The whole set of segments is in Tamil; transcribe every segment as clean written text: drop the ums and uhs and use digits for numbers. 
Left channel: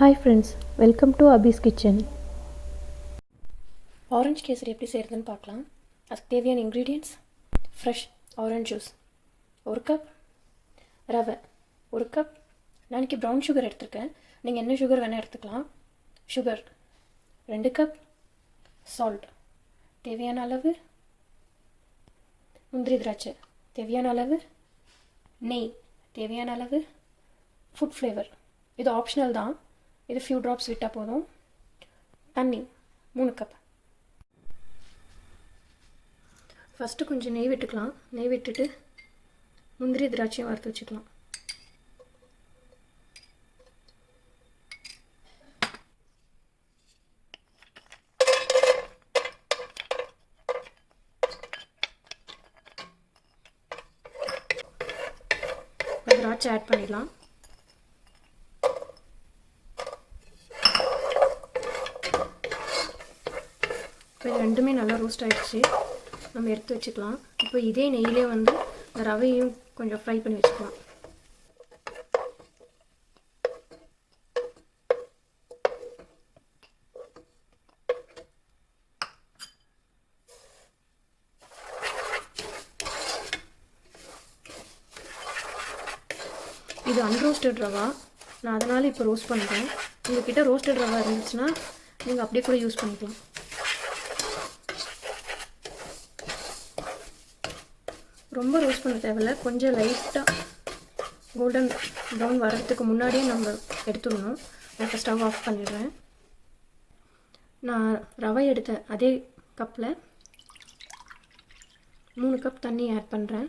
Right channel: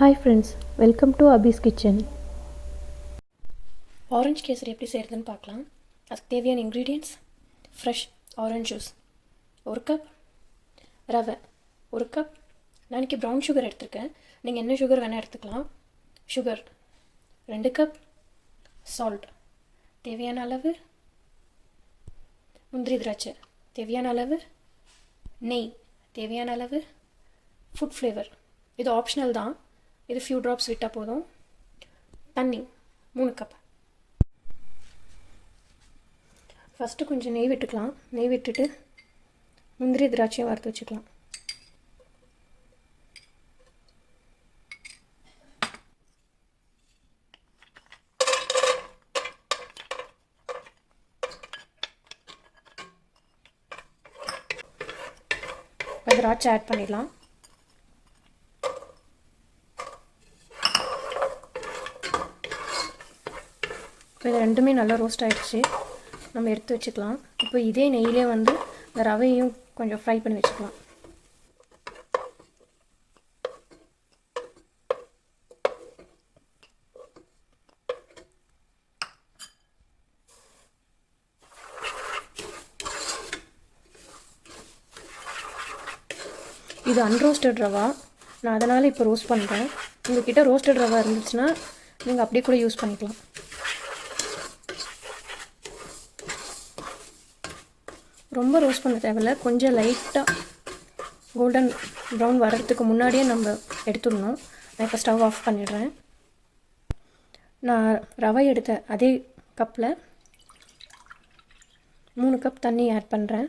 Hi friends, welcome to Abhi's Kitchen. Orange kesari எப்படி செய்கிறதுன்னு பார்க்கலாம். அதுக்கு தேவையான ingredients: fresh orange juice 1 cup, ரவை 1 கப். நான் இன்றைக்கி ப்ரௌன் சுகர் எடுத்துருக்கேன், நீங்கள் என்ன சுகர் வேணால் எடுத்துக்கலாம். சுகர் 2 கப், சால்ட் தேவையான அளவு, முந்திரி திராட்சை தேவையான அளவு, நெய் தேவையான அளவு, ஃபுட் ஃப்ளேவர் இது ஆப்ஷனல் தான், இது ஃபியூ ட்ராப்ஸ் விட்டால் போதும். தண்ணி 3 கப். ஃபஸ்ட்டு கொஞ்சம் நெய் விட்டுக்கலாம். நெய் விட்டுட்டு முந்திரி திராட்சையும் வறுத்து வச்சுக்கலாம். திராட்சை ஆட் பண்ணிடலாம். இப்போ இது ரெண்டுமே நல்லா ரோஸ்ட் ஆகிடுச்சு, நம்ம எடுத்து வச்சுக்கலாம். இப்போ இதே நெய்யிலே வந்து இந்த ரவையும் கொஞ்சம் ஃப்ரை பண்ணி வச்சுக்கலாம். இது அன்ரோஸ்டட் ரவா, நான் அதனால் இப்போ ரோஸ்ட் பண்ணுறேன். உங்கள்கிட்ட ரோஸ்டட் ரவா இருந்துச்சுன்னா நீங்கள் அப்படியே கூட யூஸ் பண்ணிக்கலாம். ரொம்ப ரோஸ்ட் பண்ண தேவையில்லை, கொஞ்சம் லைட்டாக கோல்டன் ப்ரௌன் வர்றதுக்கு முன்னாடியே நம்ம எடுத்துடணும். நான் இப்போ ஸ்டவ் ஆஃப் பண்ணிடுறேன். நான் ரவை எடுத்த அதே கப்பில் 3 கப் தண்ணி ஆட் பண்ணுறேன்.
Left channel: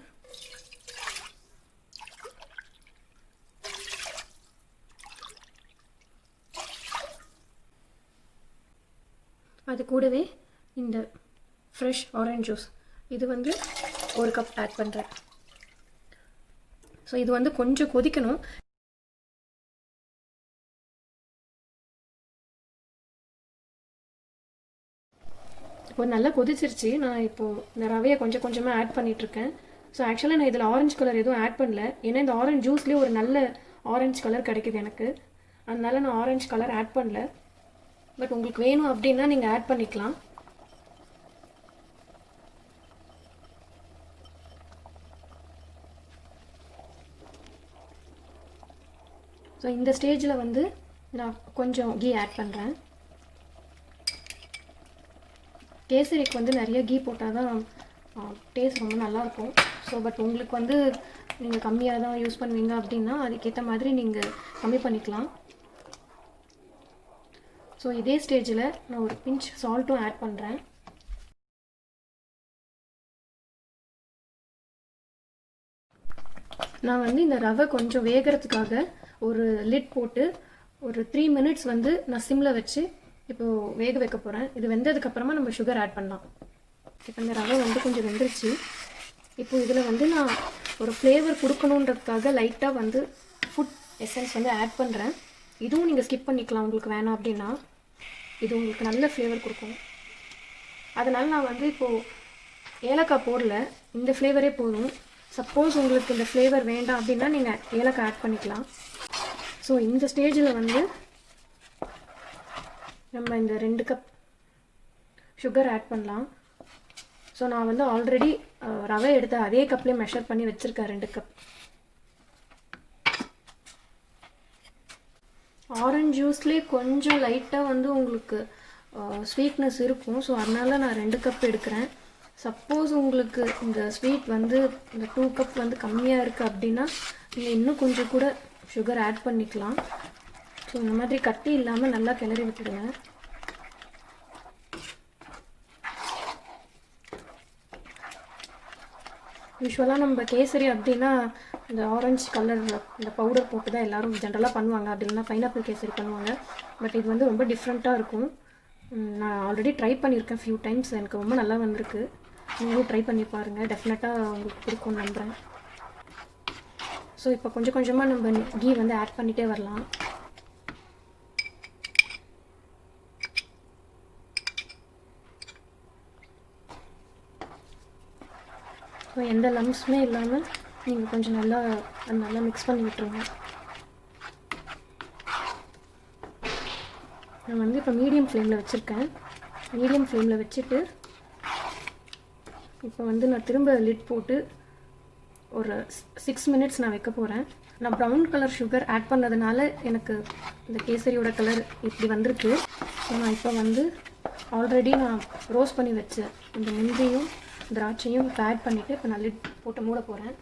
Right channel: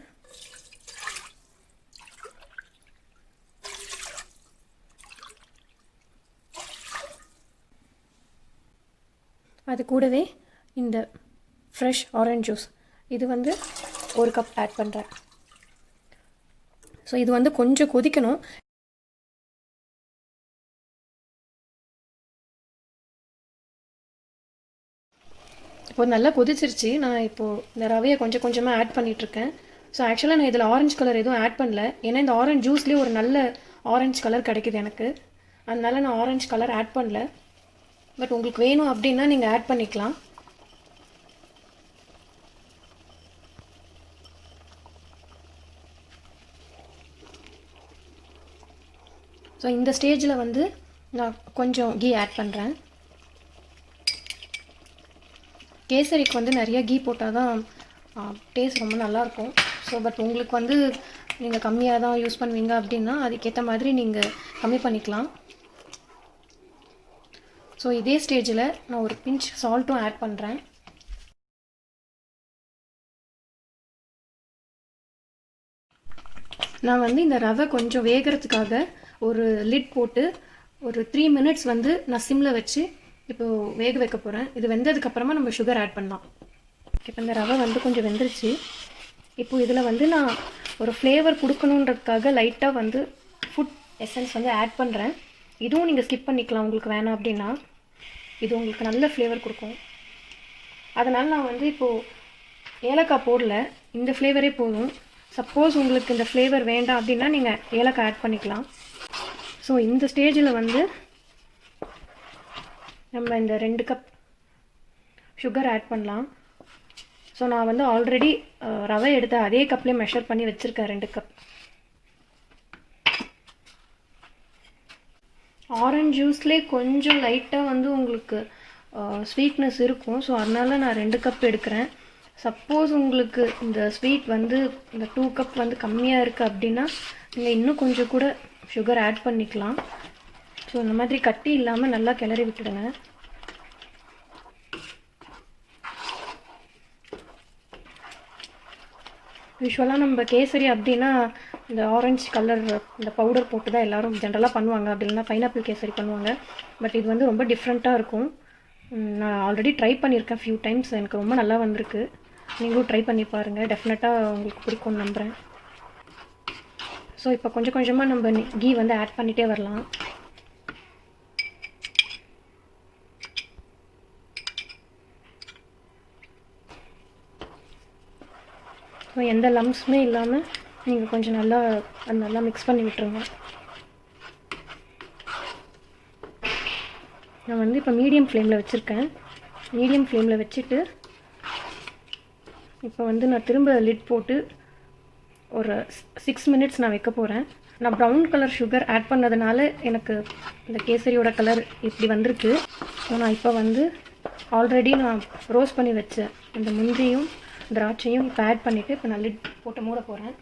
அது கூடவே இந்த ஃப்ரெஷ் ஆரஞ்ச் ஜூஸ் இது வந்து 1 கப் ஆட் பண்ணுறேன். ஸோ இது வந்து கொஞ்சம் கொதிக்கணும். இப்போ நல்லா கொதிச்சிருச்சு. நான் இப்போது இந்த ரவையை கொஞ்சம் கொஞ்சமாக ஆட் பண்ணிகிட்ருக்கேன். ஸோ ஆக்சுவலாக நான் இதில் ஆரஞ்சு கலர் எதுவும் ஆட் பண்ணல, ஏன்னா இந்த ஆரஞ்ச் ஜூஸ்லேயே ஒரு நல்ல ஆரஞ்சு கலர் கிடைக்குது எனக்கு, அதனால நான் ஆரஞ்சு கலர் ஆட் பண்ணல. பட் உங்களுக்கு வேணும் அப்படின்னா நீங்கள் ஆட் பண்ணிக்கலாம். ஸோ இந்த ஸ்டேஜில் வந்து நான் கொஞ்சம் கீ ஆட் பண்ணுறேன். கேசரிக்கு வந்து நிறைய கீ போட்டால் தான் டேஸ்ட் ரொம்ப நல்லாயிருக்கும். ஸோ பட் உங்களுக்கு வந்து நீங்கள் கம்மியாக தான் யூஸ் பண்ணுவீங்க அப்படின்னா அதுக்கேற்ற மாதிரி நீங்கள் கம்மி பண்ணிக்கலாம். ஸோ இதே ஸ்டேஜில் நான் ஒரு பிஞ்ச் சால்ட்டும் ஆட் பண்ணுறேன். நான் வந்து இந்த ரவை கொஞ்சம் வேகிறதுக்காக ஒரு லிட் போட்டு ஒரு 3 மினிட்ஸ் வந்து நான் சிம்மில் வச்சு இப்போது வேக வைக்க போகிறேன். இது வெந்ததுக்கப்புறமா நம்ம சுகர் ஆட் பண்ணலாம். இப்போ இந்த ரவை வந்து கொஞ்சம் வெந்துருச்சு. இப்போது இதில் வந்து நான் ஒரு ஃப்ளேவர் கொடுக்கணுன்றதுக்காக லைட்டாக வந்து ஃபுட் எசன்ஸ் வந்து ஆட் பண்ணுறேன். இதுவும் நீங்கள் ஸ்கிப் பண்ணிக்கலாம் உங்களுக்கு வேணாம் அப்படின்னா, இது உங்களுக்கு நல்ல ஃப்ளேவர் கொடுக்கும். அதனால் நான் வந்து இப்போது ஏலக்காய் போடல, இந்த ஃப்ளேவரே போதும். சப்போஸ் உங்களுக்கு இந்த ஃப்ளேவர் வேண்டாம் அப்படின்னா நீங்கள் ஏலக்காய் ஆட் பண்ணிக்கலாம். ஸோ இந்த ஸ்டேஜில் வந்து நம்ம இந்த 2 கப் சுகர் ஆட் பண்ணலாம். ஸோ நான் வந்து ஆல்ரெடி ரவை எடுத்த அதே கப்லேயே மெஷர் பண்ணி வச்சுருக்கேன் 2 கப். ஆரஞ்ச் ஜூஸ்லேயே கொஞ்சம் லைட்டாக வந்து உங்களுக்கு ஸ்வீட்னஸ் இருக்கும். ஸோ அதனால் நான் 2 கப் எடுக்கிறேன். சப்போஸ் உங்களுக்கு இந்த ஸ்வீட் வந்து இந்த 2 கப் வந்து கம்மியாக இருக்குது அப்படின்னா நீங்கள் இன்னும் கொஞ்சம் கூட சுகர் ஆட் பண்ணிக்கலாம். ஸோ இந்த மாதிரி கட்டி இல்லாமல் நல்லா கிளறி விட்டுடுங்க. யூஸ்வலாக நம்ம கேசரி அப்படின்னா இந்த ஆரஞ்சு கலர் இந்த பவுடர் போட்டு தான் எல்லோரும் ஜென்ரலாக பண்ணுவாங்க, அப்படி இல்லைன்னா பைனாப்பிள் கேசரி பண்ணுவாங்க. பட் இது வந்து ரொம்ப டிஃப்ரெண்ட்டாக இருக்கும். நான் ஆல்ரெடி ட்ரை பண்ணியிருக்கேன் ஃபியூ டைம்ஸ், எனக்கு ரொம்ப நல்லா வந்திருக்கு. நீங்களும் ட்ரை பண்ணி பாருங்கள், டெஃபினட்டாக உங்களுக்கு பிடிக்கும் நம்புகிறேன். ஸோ இப்போ கொஞ்சம் கொஞ்சமாக நம்ம கீ வந்து ஆட் பண்ணிகிட்டே வரலாம். ஸோ எந்த லம்ப்ஸுமே இல்லாமல் நீங்கள் கொஞ்சம் நல்லா மிக்ஸ் பண்ணி விட்டுருங்க. நான் வந்து இப்போ மீடியம் ஃப்ளேமில் வச்சுருக்கேன். மீடியம் ஃப்ளேமில் வச்சுட்டு இப்போ வந்து நான் திரும்ப லிட் போட்டு ஒரு 6 மினிட்ஸ் நான் வைக்க போகிறேன். நான் ப்ரௌன் கலர் சுகர் ஆட் பண்ணதுனால எனக்கு இந்த கேசரியோட கலர் இப்படி வந்திருக்கு. ஸோ நான் இப்போ வந்து ஆல்ரெடி நான் ரோஸ்ட் பண்ணி வச்ச இந்த முந்திரியும் திராட்சையும் இப்போ ஆட் பண்ணிவிட்டு இப்போ நான் லிட் போட்டு மூட போகிறேன்.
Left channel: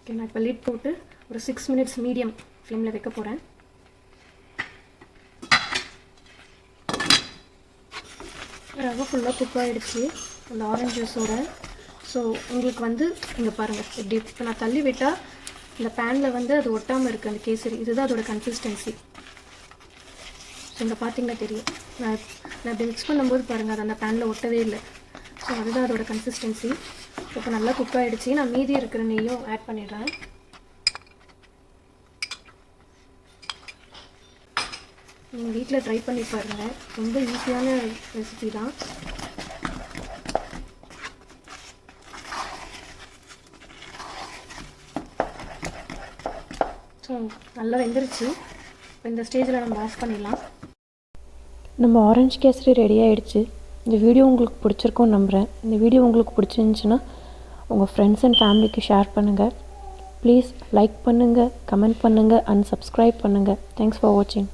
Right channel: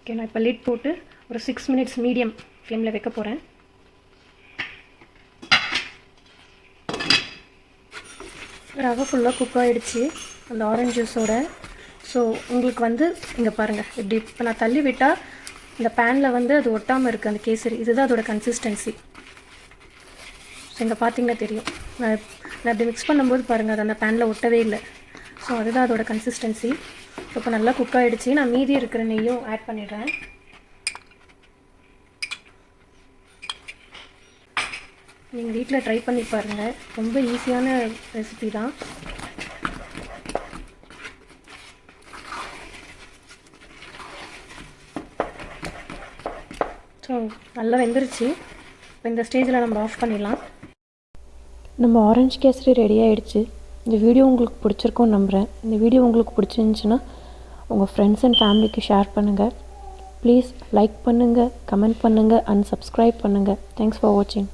ஓகே, நான் இப்போ லிட் போட்டு ஒரு 6 மினிட்ஸ் மீடியம் ஃப்ளேமில் வைக்க போகிறேன். ரவை ஃபுல்லாக குக் ஆகிடுச்சு அந்த ஆரஞ்ச் ஜூஸோட. ஸோ உங்களுக்கு வந்து இங்கே பாருங்கள், இப்படி இப்போ நான் தள்ளி விட்டால் இந்த பேனில் வந்து அது ஒட்டாமல் இருக்குது அந்த கேசரி. இதுதான் அதோட கன்சிஸ்டன்சி. ஸோ இங்கே பார்த்தீங்கன்னா தெரியும், நான் அப்படி மிக்ஸ் பண்ணும்போது பாருங்கள் அது அந்த பேனில் ஒட்டவே இல்லை. ஸோ அதுதான் அதோட கன்சிஸ்டன்சி. இப்போ நல்லா குக் ஆகிடுச்சு. நான் மீதி இருக்கிற நெய்யும் ஆட் பண்ணிடுறேன். நீங்கள் வீட்டில் ட்ரை பண்ணி பாருங்கள், ரொம்ப ஈஸியான ரெசிபி தான். ஸோ நல்லா வெந்துருச்சு. இப்போ இந்த ஸ்டேஜில் நம்ம ஆஃப் பண்ணிடலாம். நம்ம ஆரஞ்சு கேசரி ரெடி ஆகிடுச்சு. இந்த வீடியோ உங்களுக்கு பிடிச்சிருக்கும்னு நம்புகிறேன். இந்த வீடியோ உங்களுக்கு பிடிச்சிருந்துச்சுன்னா உங்கள் ஃப்ரெண்ட்ஸ் அண்ட் ஃபேமிலிக்கு ஷேர் பண்ணுங்கள். ப்ளீஸ் லைக் பண்ணுங்கள், கமெண்ட் பண்ணுங்கள் அண்ட் சப்ஸ்கிரைப் பண்ணுங்கள். தேங்க்ஸ் ஃபார் வாட்சிங்.